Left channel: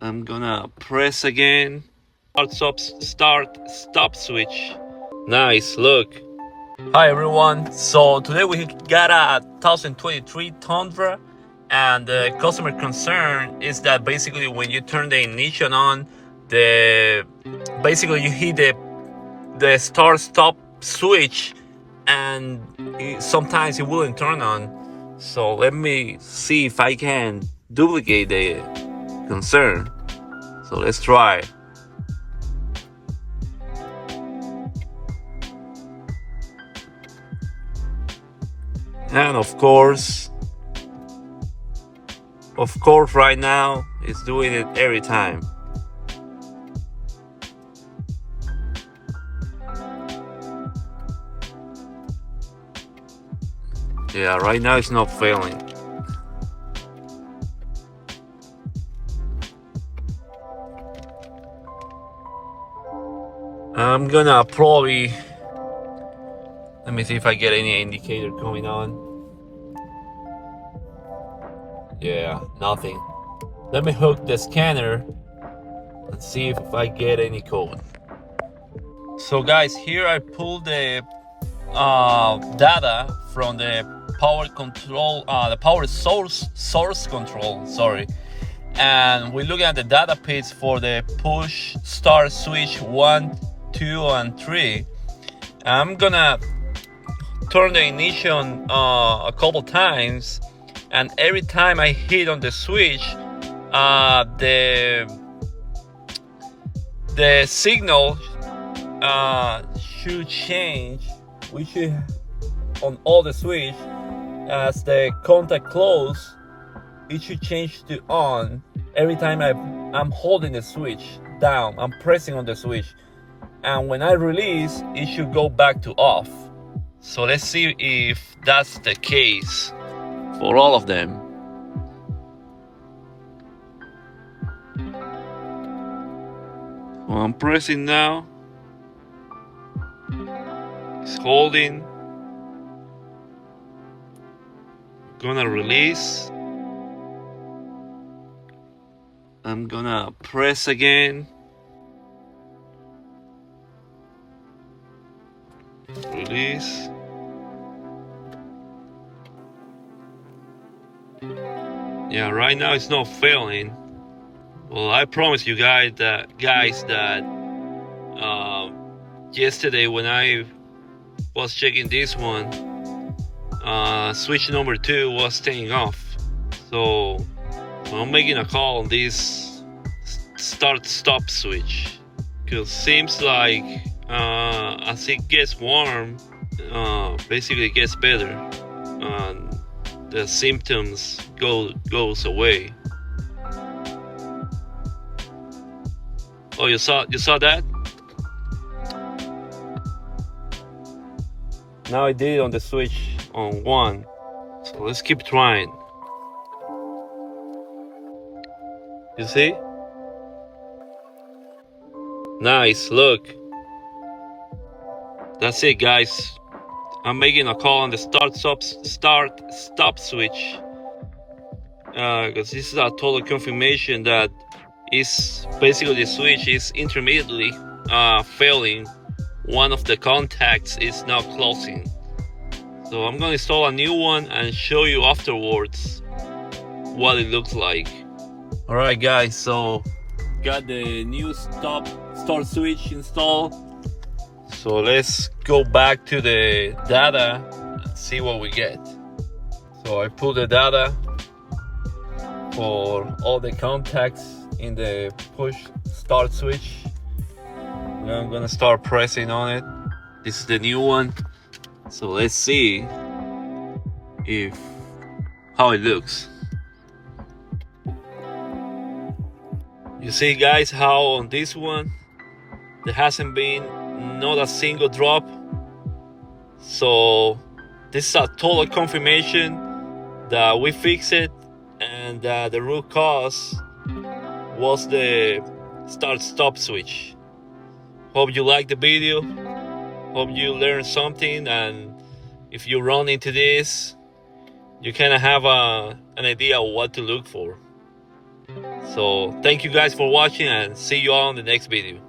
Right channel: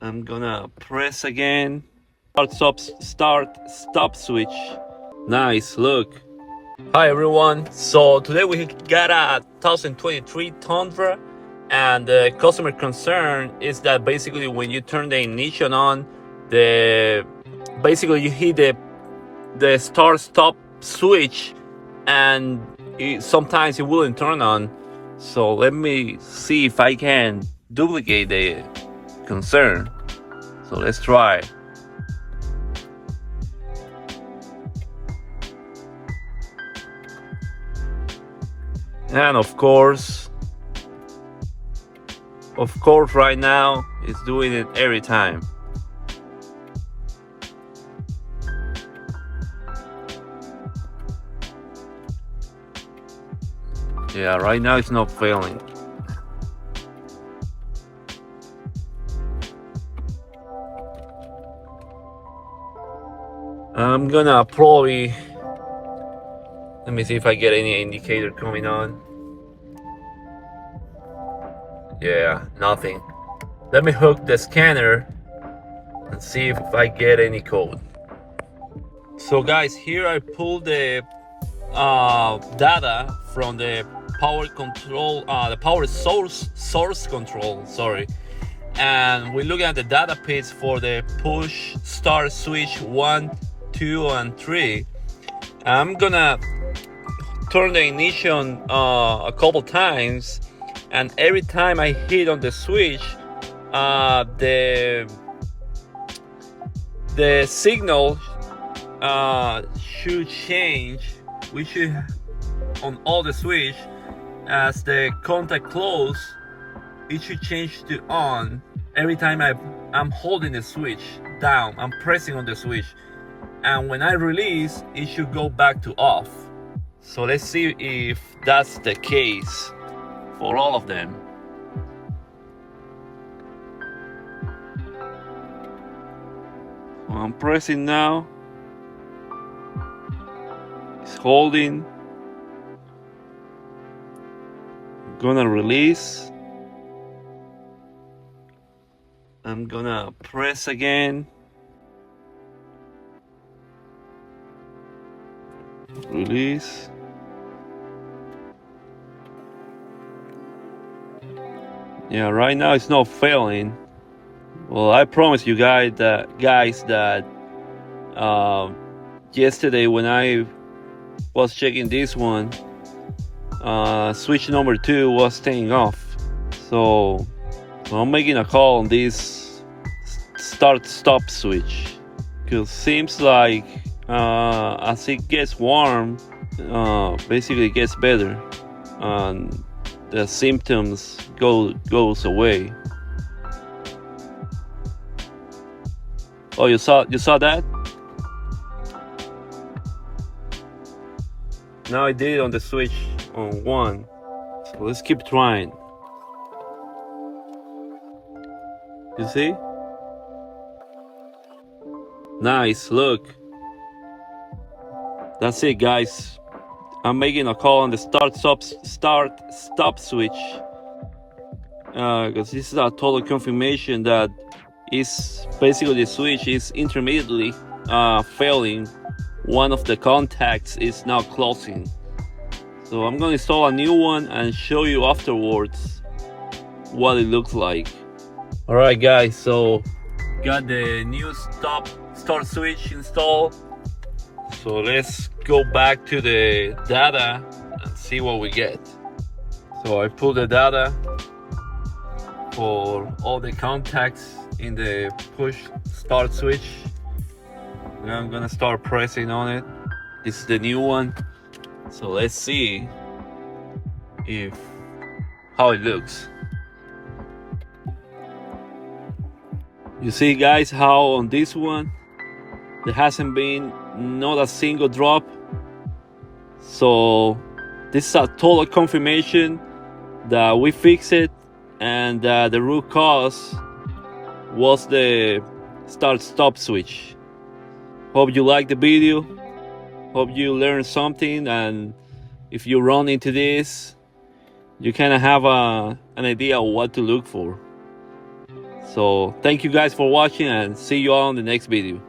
I'm gonna press again. Start stop switch. Nice, look. Hi everyone. So today we got a 2023 Tundra, and the customer concern is that basically when you turn the ignition on, the basically you hit the start stop switch, and sometimes it wouldn't turn on. So let me see if I can duplicate the concern. So let's try. And of course right now it's doing it every time. Yeah, right now it's not failing. I'm gonna probably, let me see if I get any indicator coming on. Yeah, nothing. Let me hook the scanner and see if I get any code. So guys, here I pulled the data from the power control, the power source control, sorry. And we're looking at the data pins for the push start switch 1, 2, and 3. I'm gonna turn the ignition a couple times, and every time I hit on the switch, the signal should change. We should on all the switch, as the contact close, it should change to on every time I'm holding the switch down. I'm pressing on the switch, and when I release, it should go back to off. So let's see if that's the case for all of them. Well, I'm pressing now. It's holding. Gonna release. I'm gonna press again. Release. Yeah, right now it's not failing. Well, I promise you guys that yesterday when I was checking this one, switch number 2 was staying off. So I'm making a call on this start stop switch, because seems like as it gets warm, basically it gets better, and the symptoms goes away. Oh, you saw that? Now I did it on the switch on 1. So let's keep trying. You see? Nice, look. That's it, guys. I'm making a call on the start stop switch, because this is a total confirmation that is basically the switch is intermittently failing. One of the contacts is now closing. So I'm going to install a new one and show you afterwards what it looks like. Alright guys, so got the new start switch installed. So let's go back to the data and see what we get. So I pulled the data for all the contacts in the push start switch. I'm gonna start pressing on it. This is the new one. So let's see how it looks. You see guys how on this one there hasn't been not a single drop. So this is a total confirmation that we fixed it, and the root cause was the start stop switch. Hope you liked the video. Hope you learned something, and if you run into this, you kind of have an idea of what to look for. So thank you guys for watching and see you all in the next video.